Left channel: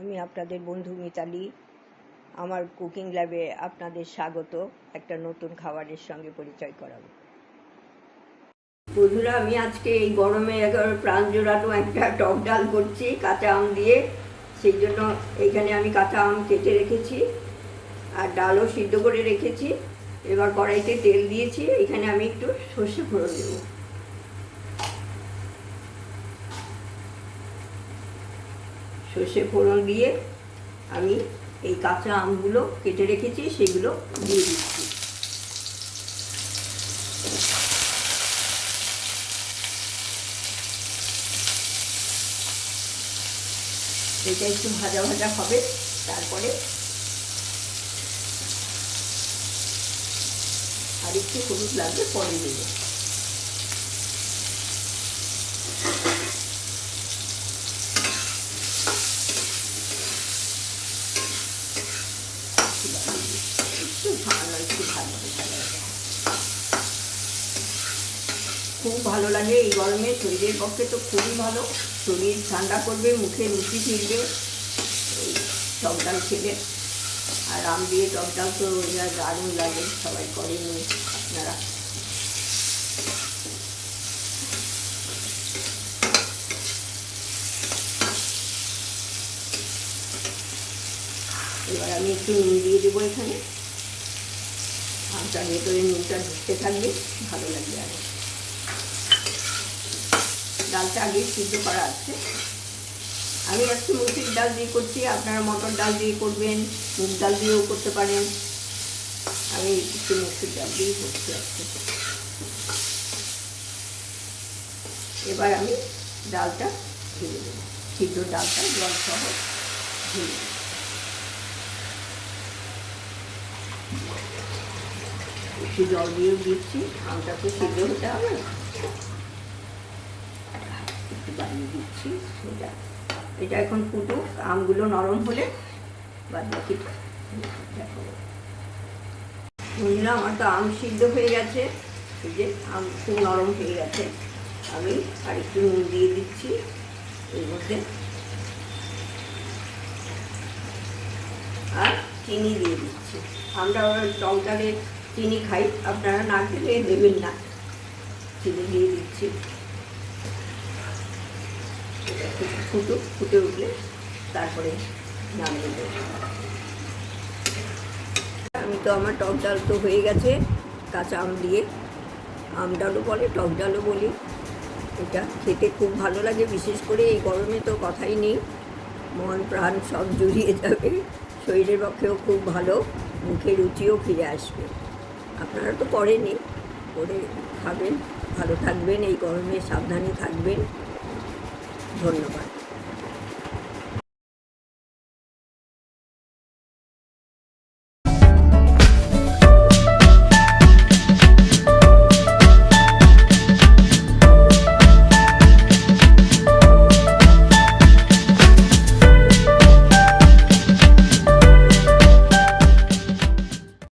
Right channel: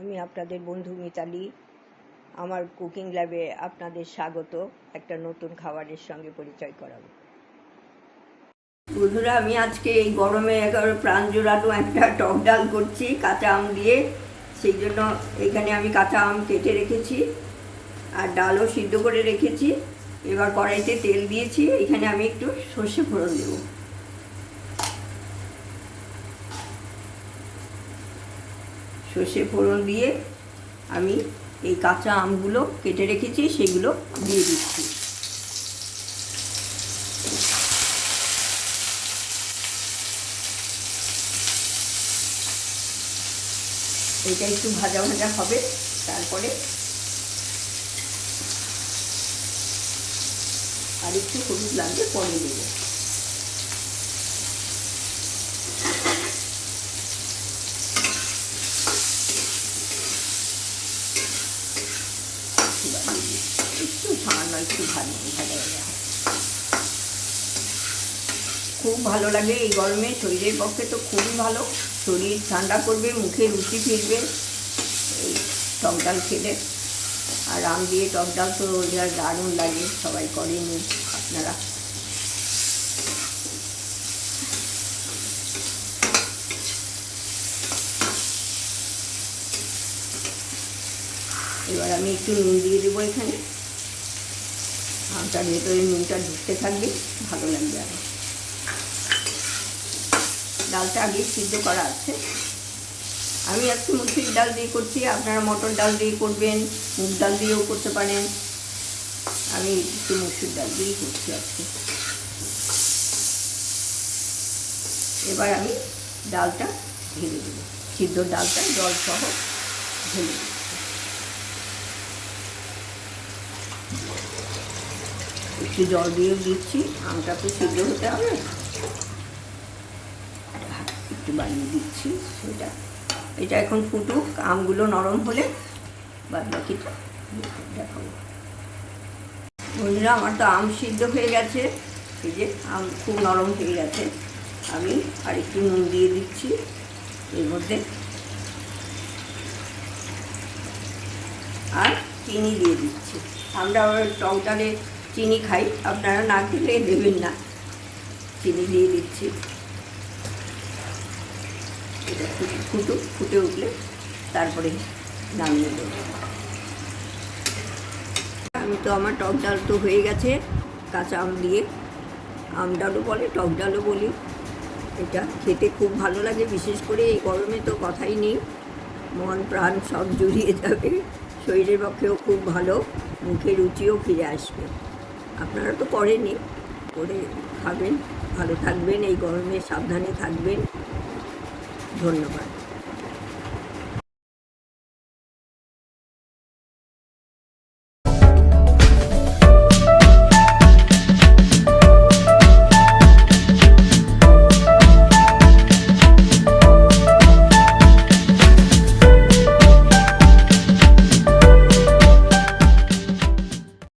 আমি আপনাদের বন্ধু মিতালি। আমার কুকিং ল্যাবে আপনাদের স্বাগত। একটা নতুন খাবারের সঙ্গে পরিচয় করাবো। বন্ধুরা, আমি আজকে এই গরমে একেবারে প্রাণ জোড়ানো একটা টক ডাল করছি, কাঁচা আম দিয়ে। সেই জন্য এখানে আমি কাঁচা আম কেটে রেখেছি আর ডালও সিদ্ধ করে রেখেছি। এবার কড়াইতে তেল দিয়েছি। এখানে আমি একটু সর্ষে ফোড়ন দেবো। সর্ষে ফোড়ন দিয়ে আমি এই কাঁচা আমগুলো কেটে রেখেছি, সেগুলো দিয়ে দিচ্ছি। এটা একটু ভাজা ভাজা হবে, তারপরে আর একটু হলুদ লাগবে, পরে দেবো একটু সামান্য একটু ভালো খুব ভালো লাগে, এই গরমে শরীরের পক্ষে তো খুবই ভালো। শরীর ঠান্ডা করবে, মুখে রুচি ফিরবে টক ডাল খেলে। আর আম দিয়ে টক ডাল তো যা দারুণ লাগে, সবাই করে করেনি আপনারা। এবার আমি একটু নুন দিয়ে দেবো এখানে। আমটার ভেতরে নুনটা ঢুকতে থাকবে, ভালো লাগবে আরও ডালটা আগে সিদ্ধ করা আছে। আমি আজকে মুসুর ডাল দিয়ে করছি, আপনারা মটর ডাল দিয়ে করবেন, মুগ ডাল দিয়েও করতে পারেন। আমি একটু মুসুর ডাল দিয়েই করছি আজকে। এবার আমি ডালটা ঢেলে দেবো। সিদ্ধ ডালটা জল সহ ঢেলে দেবো। একটু জল দিয়ে দিচ্ছি আমটা তো সিদ্ধ হতে হবে। একটু বানিয়ে দিচ্ছি সেটা। এটা এখন ফুটুক, আমগুলো নরম হলে বাদ বাকিটা দেখো। আমার তো আম সিদ্ধ হয়ে গেছে। এই যে আম খুব নরম হয়ে গেছে। আমি আর একটু নুন দিয়ে দিচ্ছি এর মধ্যে। আর চিনি দিয়ে দিচ্ছি। আমরা ওই টক ডালে চিনি খাই, আপনারা না খেলে দেবেন না। চিনি দিয়ে দিচ্ছি। ফুটুক ফুটে উঠলে তারপরে নামিয়ে দেবো। আমি তো আমার টক ডাল তো হয়ে গেছে, কাঁচা আম দিয়ে। আম ডালও বলে, টক ডালও বলি। এটা খেতে খুব ভালো লাগে, বিশেষ করে এই গরমে তো কথাই নেই। মন প্রাণ সব জুড়িয়ে যাবে, শরীরের পক্ষেও খুব ভালো, মুখে রুচিও ফিরে আসবে। আপনারা তো করেনি করে খাবেন ভালো থাকবেন এই গরমে সাবধানে থাকবেন। ধন্যবাদ।